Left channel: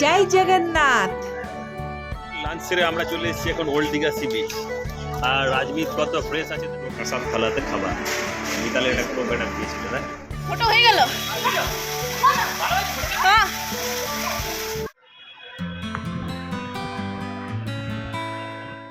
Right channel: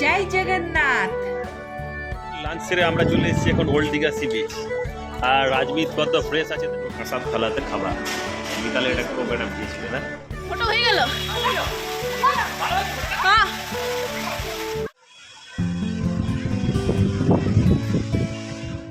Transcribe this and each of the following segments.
জয় Jagannath. Lunch সেরে আমরা চলে এসেছি এখন ওল্ড দীঘা সি বিচ। আর রাজমিত কত ফ্রেশ আছে তো কাঁসার থালাতে খাবার। মিতালের একটা কোপ একটা দিয়েছিল না, ফটো হয়ে গেল।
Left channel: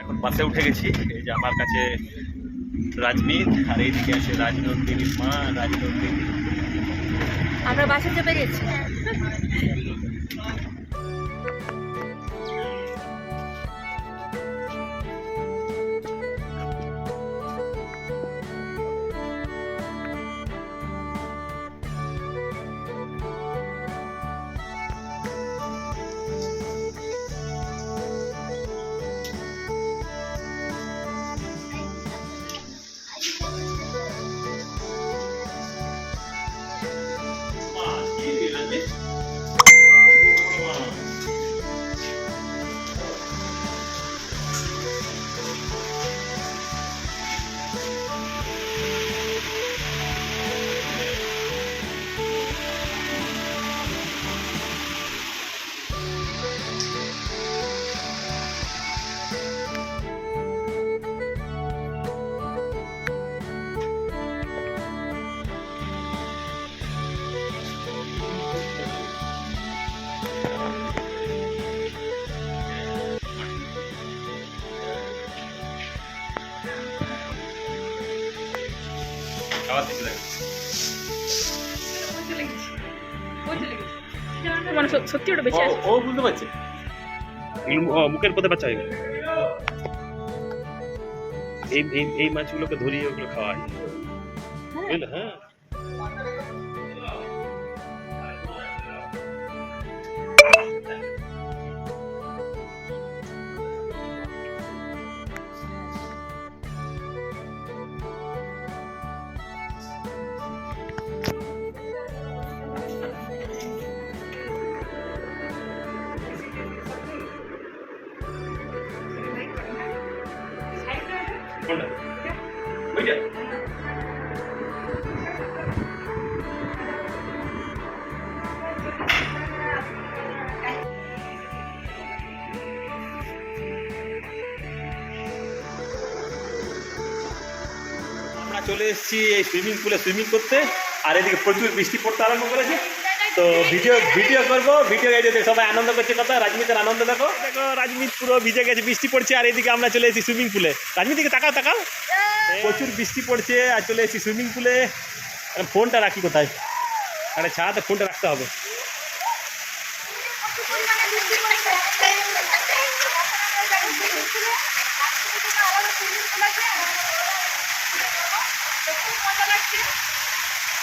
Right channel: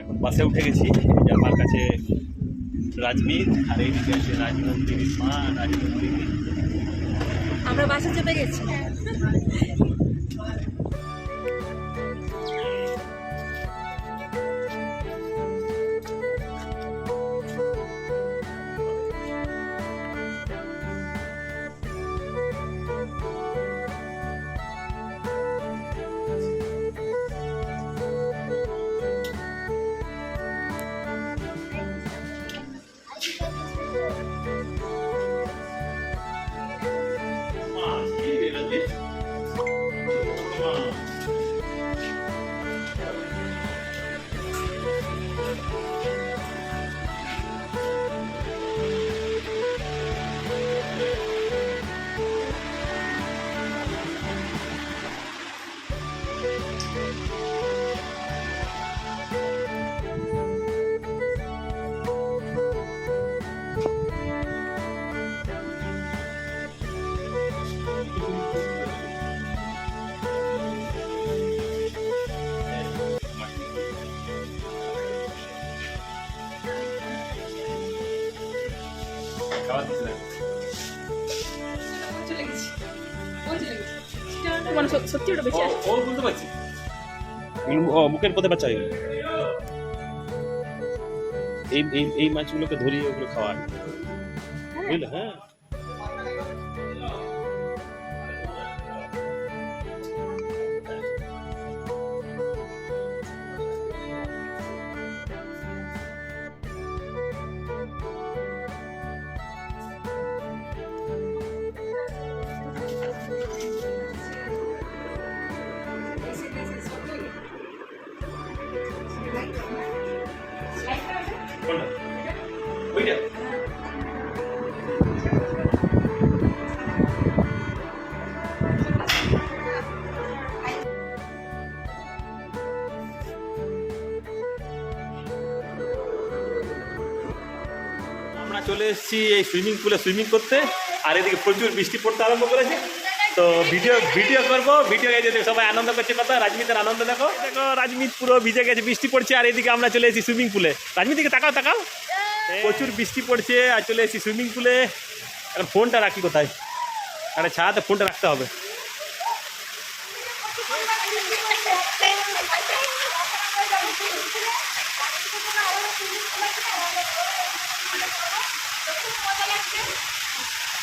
এখন বাসে উঠে গেছি। এই যে আমার কাছে রাজমিত, আর এইদিকে আছে রাজনন্দিনীর মা রাজনন্দিনী। আমরা বাসে চেপে গেছি। মানে সত্যি ওটা বেশি আছে। ও বুঝতে পারছি, মুখের পথে বাচ্চা হয়ে গেল। এই মাছগুলোকে ধরিয়ে ওগুলো খাওয়া হয়, বুঝলে? হ্যাঁ, ওইটা আমরা চলে এসেছি এই সুইমিং পুলে সুইমিং করতে। আর এদিকে প্রচুর বৃষ্টি পড়তে আরম্ভ করেছে, তো ভিডিও করবো। ভিডিও এই সবাই আনন্দ করছে, কথা রাজমিতের আনন্দ দেখো। দেখো রাজমিত পুরো ভিজে গেছে, বৃষ্টি পড়ছে। আর এদিকে আমরা চলে এসেছি সুইমিং পুলে। রাজমিত দিকে তাকাও তাকাও, প্রচুর বৃষ্টি পড়ছে আর চলে এসেছি সুইমিং পুলে। এখন ফোনটা রাখি কোথায়? আরে ছাড়াতে ফোনটা রাখতে হবে।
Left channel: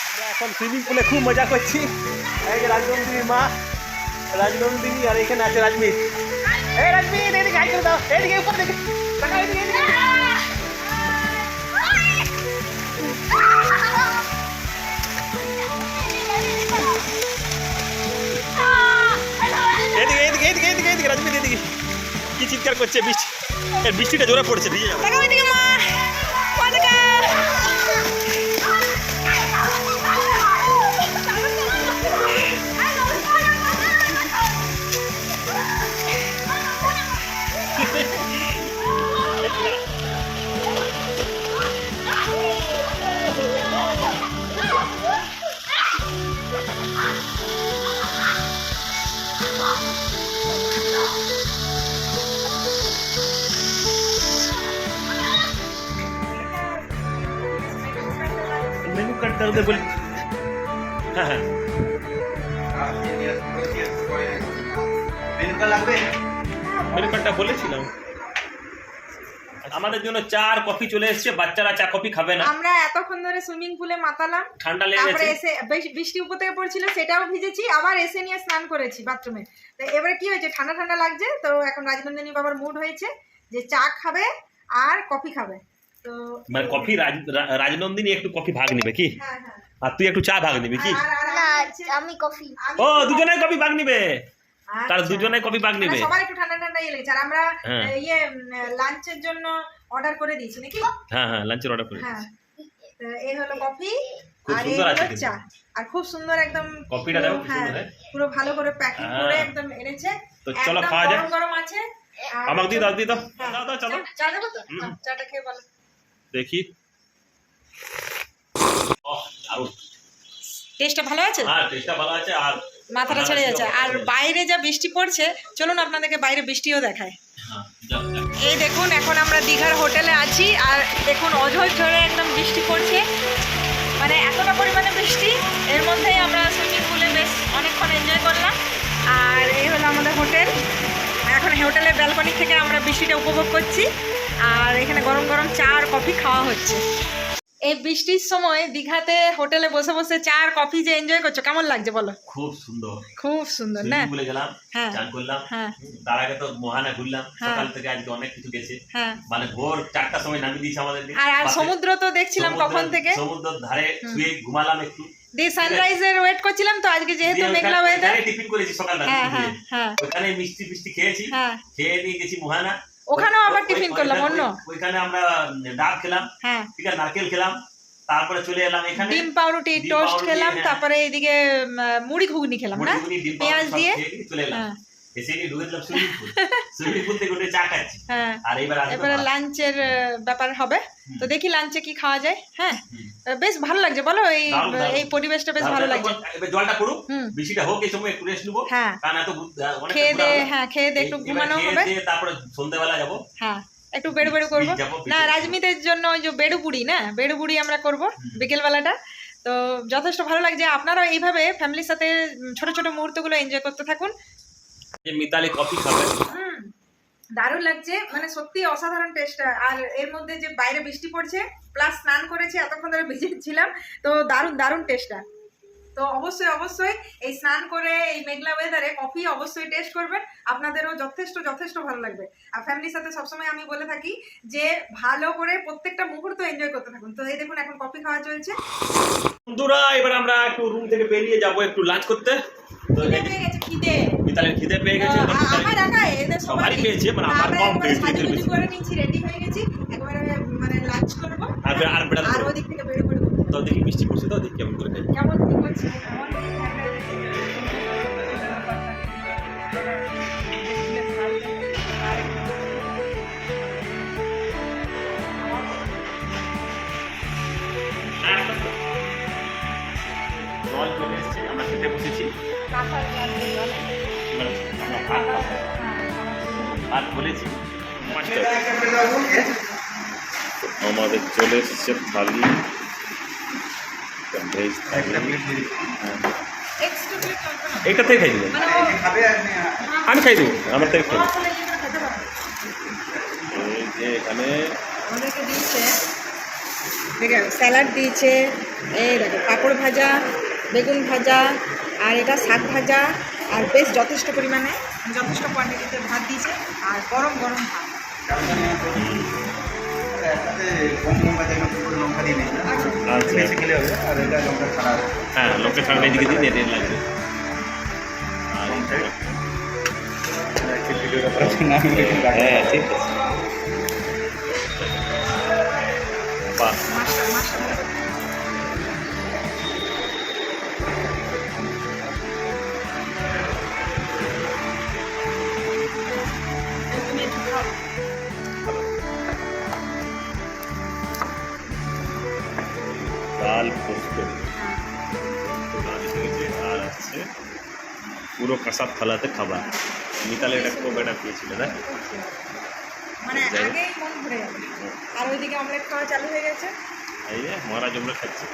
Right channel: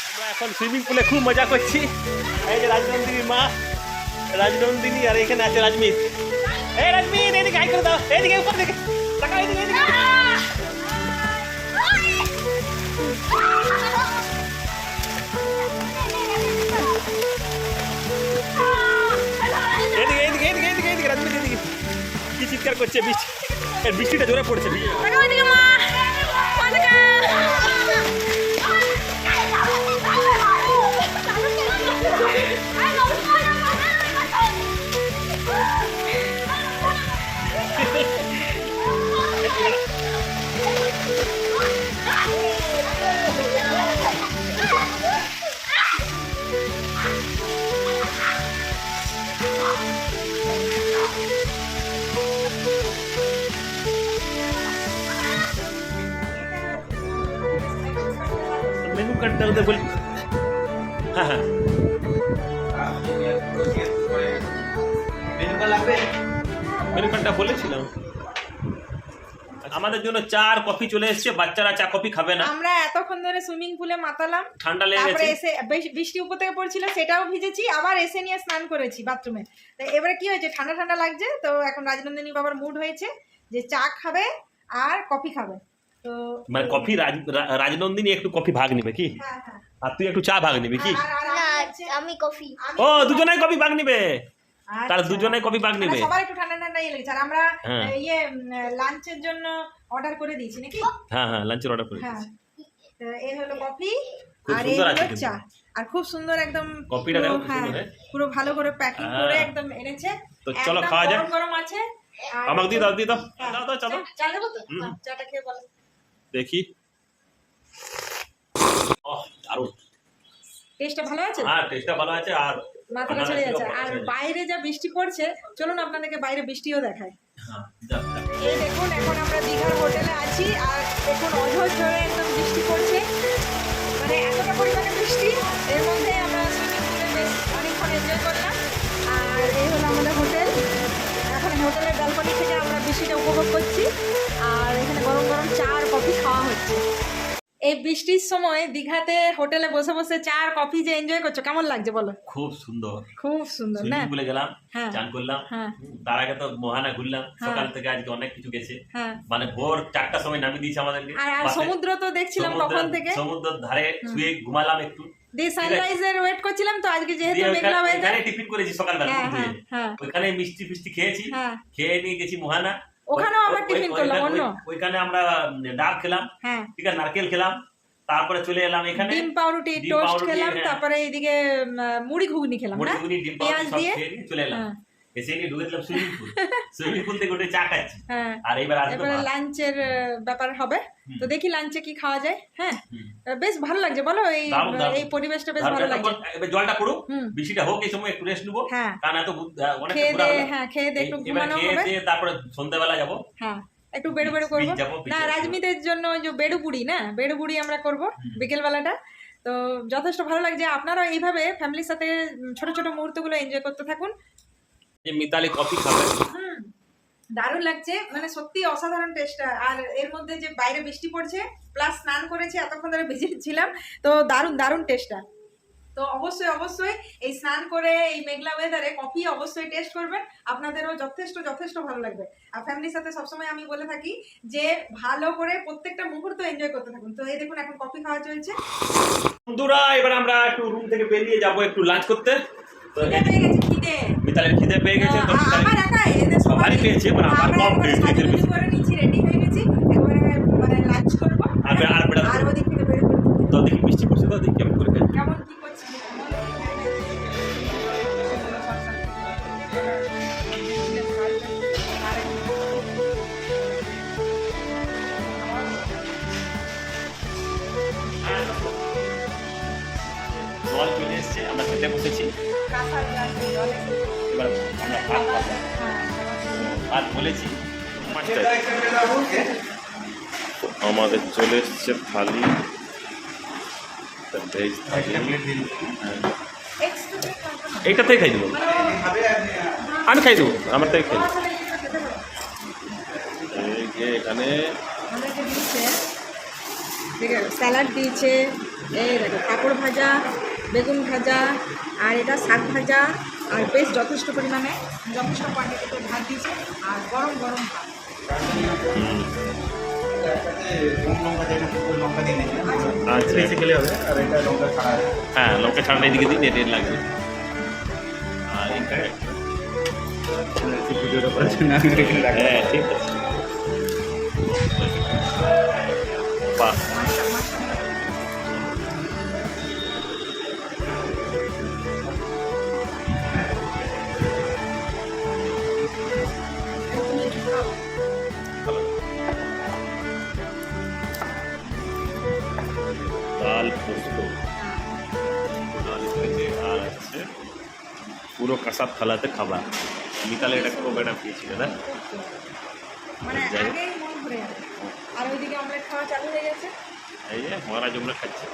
আমরা এখন সুইমিং পুলে খুব মজা করছি। এই যে রাজনন্দিনীর মা রাজনন্দিনী, আর এখানে আছে রাজমিত। এই রাজমিত এদিকে হাই করে দাও, এদিকে উপর দিকে তাকাও, এদিকে এদিকে এদিকে এদিকে এদিকে এদিকে এদিকে রাজমিত এদিকে। কি চিৎকার করছে, বৃষ্টিটা জোরে পড়ছে, ভিজে যাবে। মেনু কার্ডটা ওদের বলি। হ্যাঁ হ্যাঁ, মেনু কার্ডটা বলেছিলাম। আমাদের জন্য চা আর কফি চলে এসেছে। বাচ্চারা চা কফি খাবে না। আমরা এতক্ষণ ধরে সুইমিং পুলে মাতালাম, ঠান্ডা লেগে গেছে। এসে বৃষ্টি উপর থেকে পড়ছিল, সেটাও ভিজেছি। আবার এসে নিয়ে স্নান করেছি বাথরুমে। তো এবারে কি হয়েছে, ঠান্ডা ঠান্ডা লাগছে। তো এখন রাজনন্দিনী বাবার মুড হয়েছে যে চা খাবে আর কফি খাবে। তো মানে কফি রাজনন্দিনী একটু কফি ভাগ নিবে কি? হ্যাঁ হ্যাঁ, আর তুই একটু চা ভাগ নিবি কি? না আমি কফি। ও দুজনেই কফি ভাগ নিবে, তাহলে দুজনেই কফি ভাগ নিবে। সবাই একটু ঠান্ডা ঠান্ডা ইয়ে লেগেছে। আর আমরা লাঞ্চের জন্য অর্ডার করে দিয়েছি নাকি? হ্যাঁ হ্যাঁ, লাঞ্চের অর্ডার করে হ্যাঁ, তো এই হলো কফি খুব আর এই সুন্দর আছে হলো কিন্তু। চা। আর খুব সুন্দর একদম কফিটা পুরো, দেখো কি সুন্দর, হ্যাঁ, হ্যাঁ। পুরো ভালো করে প্যাকিং হ্যাঁ। করে একদম এনেছে। তো চলো একদম খাওয়া যাক। গরম গরম আছে। আর আমাকে দিয়ে দাও হ্যাঁ, দাও দাও চলো চা দেবো তো? হুম। চাটা খেয়ে বলো। দেখি দারুণ। টেস্টটা ভালো আছে? হ্যাঁ টেস্টটা ভালো আছে আর মাথাটা ছেড়ে যাচ্ছে। আর বাইরে যা বৃষ্টি পড়ছে, চলুন আপনাদেরকে বাইরে বৃষ্টিও দেখায়। হ্যাঁ, যাও, যাও। এই দেখুন, এখন আমরা দীঘার হোটেলে আছি আর দেখুন অঝোর ঝরে একদম বৃষ্টি পড়ছে, মানে এতটা পরিমাণে বৃষ্টি। এর মধ্যেই আমরা সুইমিং পুলে বেশ অনেকক্ষণ এনজয় করলাম। আর এই হলো আমাদের হোটেল। এখন হোটেলের ব্যালকনি থেকে আমরা বৃষ্টিটা উপভোগ করছি আর এখানে গরম গরম চা আর কফি খাওয়া হচ্ছে। এই বৃষ্টির সময় দীঘাতে হোটেলে বসে বসে চা আর কফি যে এনজয় করছো, কেমন লাগছে বলো? খুব সুন্দর। খুব সুন্দর না? সুইমিং পুলে গেলাম, হ্যাঁ। চান করলাম, হ্যাঁ। তার আগে তো মোহানা ঘুরলাম, হ্যাঁ। সকাল থেকে আজকে অনেক কিছু গেছে, হ্যাঁ। মানে ভোর 4টার সময় নামিয়ে দিয়েছে আমাদের। আর সমুদ্র তো দেখছিলাম কখন থেকে, সমুদ্রের ধারে শুয়ে ঘুমালাম একটু, দিয়ে সানরাইজের ওয়েট করছিলাম। তো আজকে যেহেতু মেঘলা ওয়েদার, টিফিন করেছি সকালবেলা, হ্যাঁ হ্যাঁ হ্যাঁ ওখানে মিষ্টি ফিষ্টি খেয়েছি, হ্যাঁ, খেয়ে নিয়ে গেছি মোহানা। ওখানেও আবার টিফিন করলাম অন্য। ওইখানে আমরা ডাব খেলাম, হ্যাঁ, ঠিক আছে, নারকেল খেলাম, তারপরে চলে এলাম এখানে ডিম পাউরুটি ডিম টোস্ট পাউরুটি, খেলাম, হ্যাঁ। তারপরে এইদিকে মুড়ি ঘুগনি খেলাম না, মুড়ি, ডিম পাউরুটি পেঁয়াজ সব দিয়ে। খেয়ে নিয়ে চলে এলাম। হ্যাঁ এসে নিয়ে ঢুকে দিলাম সুইমিং পুল। সুইমিং পুল থেকে উঠে চা খাচ্ছি। হ্যাঁ, আর এবারে লাঞ্চের ব্যাপার হবে। তো দেখি লাঞ্চে কি খাওয়া যায়। হ্যাঁ, বেশ ভালো লাগছে বলো, এই দারুণ, দারুণ। এই পরিবেশটা বেশ ভালো লাগছে। এবার জলটা পড়ুক, হুম। বৃষ্টিটা হোক, এই সময় একটু রেস্ট নেবো, হ্যাঁ, কারণ এত অনেক খেয়ে দে, হ্যাঁ খেয়ে দে একটু ঘুমানো হবে। তারপরে সন্ধ্যাবেলা যাবো। হ্যাঁ, একটু বেড়ু বেড়ু করবো যাবো, না, রাজমিতের জন্য ওই যে বেড়ু বুড়ি না, বেড়ু বুড়ি আমরা করবো বিকেলবেলাটা। তো যথেষ্ট ভালো লাগছে। আপনারাও এইভাবে ফ্যামিলির সাথে ছোট ছোট মুহূর্তগুলো এনজয় করতে থাকুন। যে মিতালি কফি খাবে, দারুণ লাগছে, মানে সত্যি অসাধারণ টেস্টটা। আর এর মধ্যে যে বাইরে বৃষ্টি পড়ছে প্লাস স্নান করেছে, এতক্ষণ ধরে ভিজেছিলাম, তো দারুণ দারুণ টেস্টটা। তো অবশ্যই অবশ্যই এই স্নান করে এই মেঘলা ওয়েদারে কফি অবশ্যই টেস্ট করবেন, আপনাদেরও যথেষ্ট যথেষ্ট ভালো লাগবে। আর ফ্যামিলির সাথে সবসময় আমি বলে থাকি যে ভালো করে প্রত্যেকটা মুহূর্ত এনজয় করতে থাকুন। তো এই দেখুন এখন কফি খাওয়া চলছে। বন্ধুরা এবার আমরা একটু রুম থেকে বেরিয়ে যাবো একটু লাঞ্চ করতে। তো খিদে পেয়ে গেছে, খিদে। মিতালির খিদে পেয়ে গেছে, আমার একাই, এদের সবারই পেয়েছে, মানে আমার আমরা কম একবারে পেয়েছে। সাজুগুজু করে নিচ্ছি, রেডি হয়ে গেছি, একবারে মানে লাঞ্চ করবো। আর বেড়াতে আর যাবো। ওদিক থেকে বেরো বেরো তো দেখি বৃষ্টি পড়ছে, তো দেখি কেমন করে খাই। কেমন কি করছি জল চলে এসছে, আমরা খেতে বসেছি। এবার আমরা ভাত খাবো। ভাত বলেছি মাছটা আমাদের চলে এসছে থালি, ভেজ থালি। এইটা থেকে খাই দেবো, আমি খাই দেবো, আমার থেকে খাই দেবো। এই যে এখানে স্যালাড দিয়েছে, এই দেখো পাঁপড় ভাজা, বেগুন ভাজা, আর এটা শাক ভাজা, আর বেশ যথেষ্ট পরিমাণে যথেষ্ট কোয়ান্টিটিতে ভাত দিয়েছে, আর গরম গরম ভাত। আচ্ছা, হ্যাঁ লঙ্কা ছাড়া এদিকে দিন, রেড লাগবে। আর এইখানে একটা, হ্যাঁ ঠিক আছে, বাহ। ডাল পোস্ত আর আছে পুরো কাঁসার থালাতে খাবার। মিতালে এটা খুব একটা পেয়েছিল না, মানে যাই হোক। আগেই মন ভরে যাবে। আর ওইদিকে অমলেট খাওয়া চালু হয়ে গেছে। এই যে মহারাজ আমরা খাচ্ছে,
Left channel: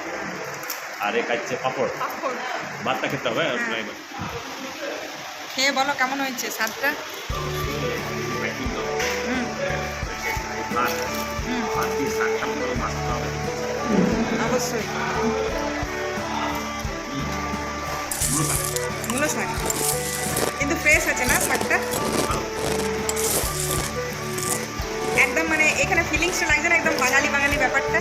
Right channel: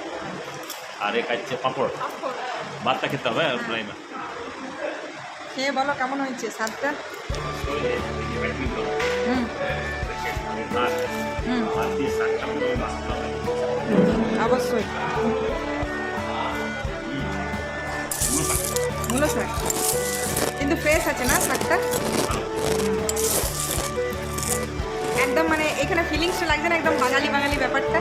আর এ খাচ্ছে পাঁপড়। ভাতটা খেতে হবে আর নাই বা খেয়ে বলো কেমন হয়েছে স্বাদটা। হুম হুম, ভাত দিয়ে শাকটা মতো মাছতে হবে। অবশ্যই মূলো শাক কিন্তু ফ্রেশ আছে না শাকটা, একদম মানে এখানে ফিলিংসটা লাগছে না, একদম বাঙালি বাঙালি ব্যাপারটা।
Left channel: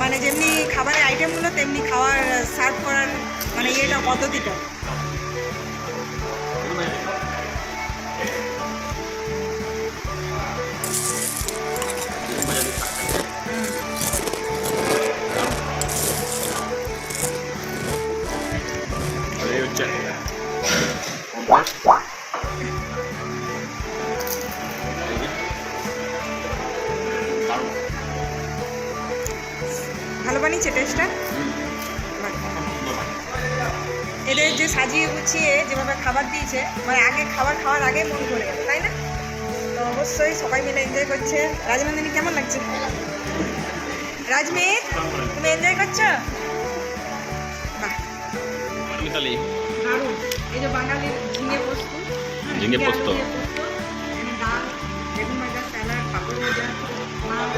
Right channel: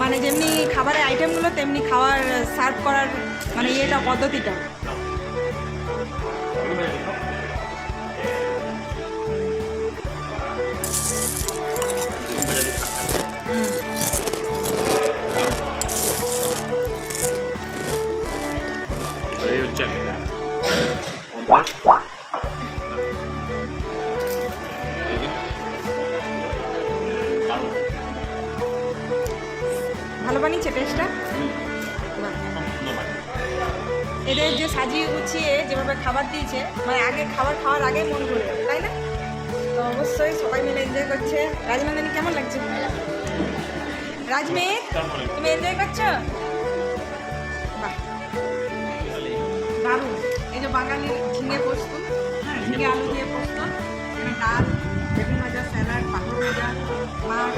মানে যেমনি খাবারের আইটেমগুলো তেমনি খাওয়ার সার্ভ করার মানে ইয়েটা পদ্ধতিটা। ভালো বানিয়েছে টেস্টটা? এদের যে সাজিয়ে গুছিয়ে যেভাবে খাবার দিয়েছে, মানে আগে খাওয়ার আগে মন ভরে যাবে, তাই না? তো অবশ্যই সবাই মিলে এনজয় করছে। রাজনন্দিনী কেমন লাগছে? রাজমিত, তুমি এনজয় করছো? বাহ, দারুণ। এই যে বাঙালির ঝিঙে পোস্ত, ঝিঙে ঝিঙে আলু পোস্ত। দিয়ে পোস্ত, এখানে ডাল, বেগুন ভাজা, স্যালাড, পাঁপড় ভাজা, মাছ।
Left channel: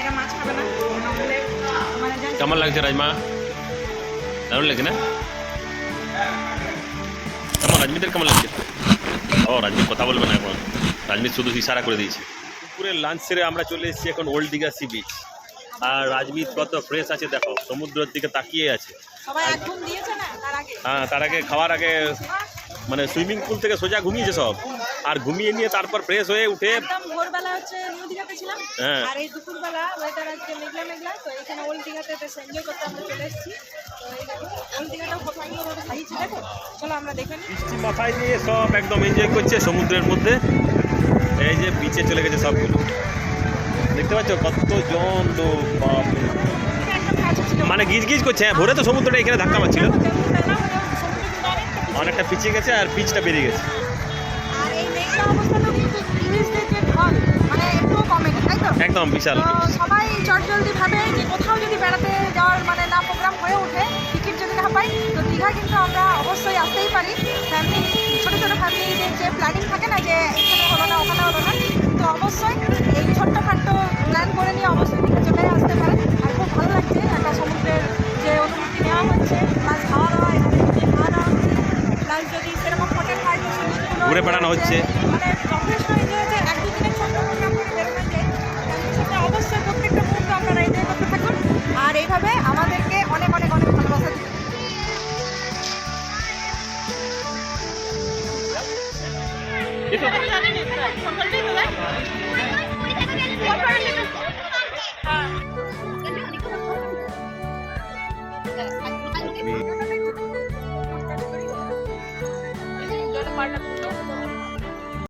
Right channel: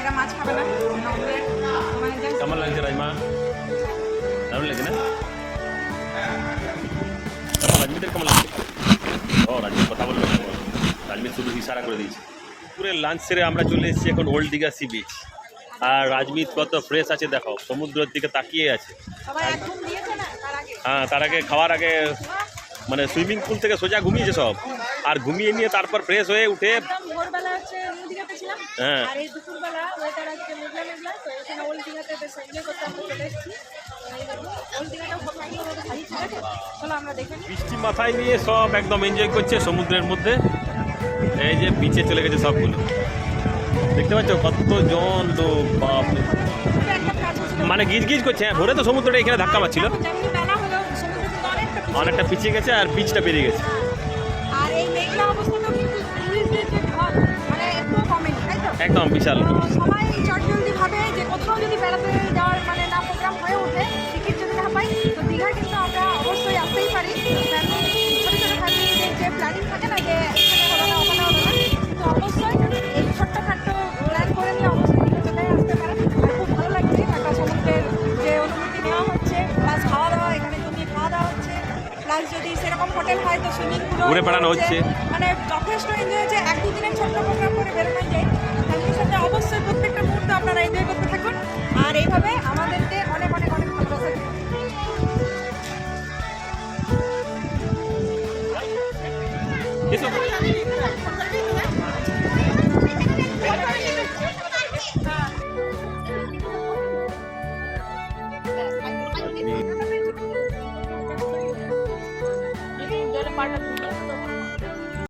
এরা মাছ খাবে না, এরা অমলেট। মানে কেমন লাগছে রাজমা? দারুণ লাগছে না? কেমন রাজমিতের কেমন লাগছে? ও রাজমিত কথা বলবে না, রাজমিত শুধু ইশারা করে দিয়েছে। দুপুরের লাঞ্চ সেরে আমরা চলে এসেছি এখন ওল্ড দীঘা সি বিচ। আর রাজমিত কত ফ্রেশ আছে দেখো, সমুদ্রের দিকে তাকিয়ে আছে। সবাই এক ঘুম দিয়েছে না তার আগে? হ্যাঁ, তার আগে খাওয়ার আগে মানে সুইমিং পুল থেকে সোজা ঘুমিয়েছে সব, আর ঘুমিয়ে নিয়ে তারপর ফ্রেশ হয়ে উঠে একদম ভোরবেলা হচ্ছে নিউ দীঘাতে ছিলাম, হ্যাঁ। আর এই দুপুরবেলা ওয়েদার আজকে মেঘলা মেঘলা, তো এখানে ওল্ড দীঘাতে বেশ এনজয় করতে আমরা চলে এসেছি। তো এই দেখুন ওল্ড দীঘাটাও কত সুন্দর রোড সাজিয়েছে, দেখো। চলো আমরা দেখে নিই। বৃষ্টি মাথায় নিয়ে সব একদম এনজয় করছে সমুদ্রের মধ্যে। এই যে বিচে চলে গেছে সবগুলো, দেখতে পাচ্ছ কতজন লোক, বাপরে। মানে গিজ গিজ করছে, হ্যাঁ, ভোরে তো সমুদ্রটা এখানে ধাক্কা মারছিল, অনেকটা পিছিয়ে গেছে আর পিচটা বেরিয়ে গেছে। আর এই মেঘলা অবস্থাতেও কিন্তু টুরিস্টদের যে ঢল মানে একটুও কমেনি, তাই তো? একদম বিশাল। তো সবাই চটজলদি ভাবে যে কোথাও যদি বেড়াতে যাওয়ার মানে না প্রোগ্রাম হয়ে ওঠে, টিকিট যদি না পাই, তো দীঘা কিন্তু আমরা অবশ্যই আসতেই পারি। ফ্যামিলি, ছোটো ছোটো ফ্যামিলিদের যে প্ল্যানিং থাকে না যে এখানে হলো না ওখানে হলো না, তো অবশ্যই এই ছোট্টখাট্টো প্ল্যান করে নিয়ে অবশ্যই দীঘা চলে আসতে পারে। আর খুব ভালো লাগছে একটা সমুদ্রের যে অনুভূতি নেওয়া হচ্ছে, প্লাস খাওয়া দাওয়া, এখানে খাওয়া দাওয়া হচ্ছে, প্লাস যদি সেরকম হোটেল হয় তো সুইমিং পুল ঘুরে বেড়ানো হচ্ছে। মানে যথেষ্ট এনজয় হচ্ছে। এক দুদিনের ছোট্ট প্রোগ্রাম করে বেরোনো যায়, তার সাথে অবশ্যই প্রত্যেকটা মুহূর্ত আপনারা এনজয় করতে থাকুন আর এইভাবে আমাদেরকে অনেক অনেক অনেক ভালোবাসা দিন।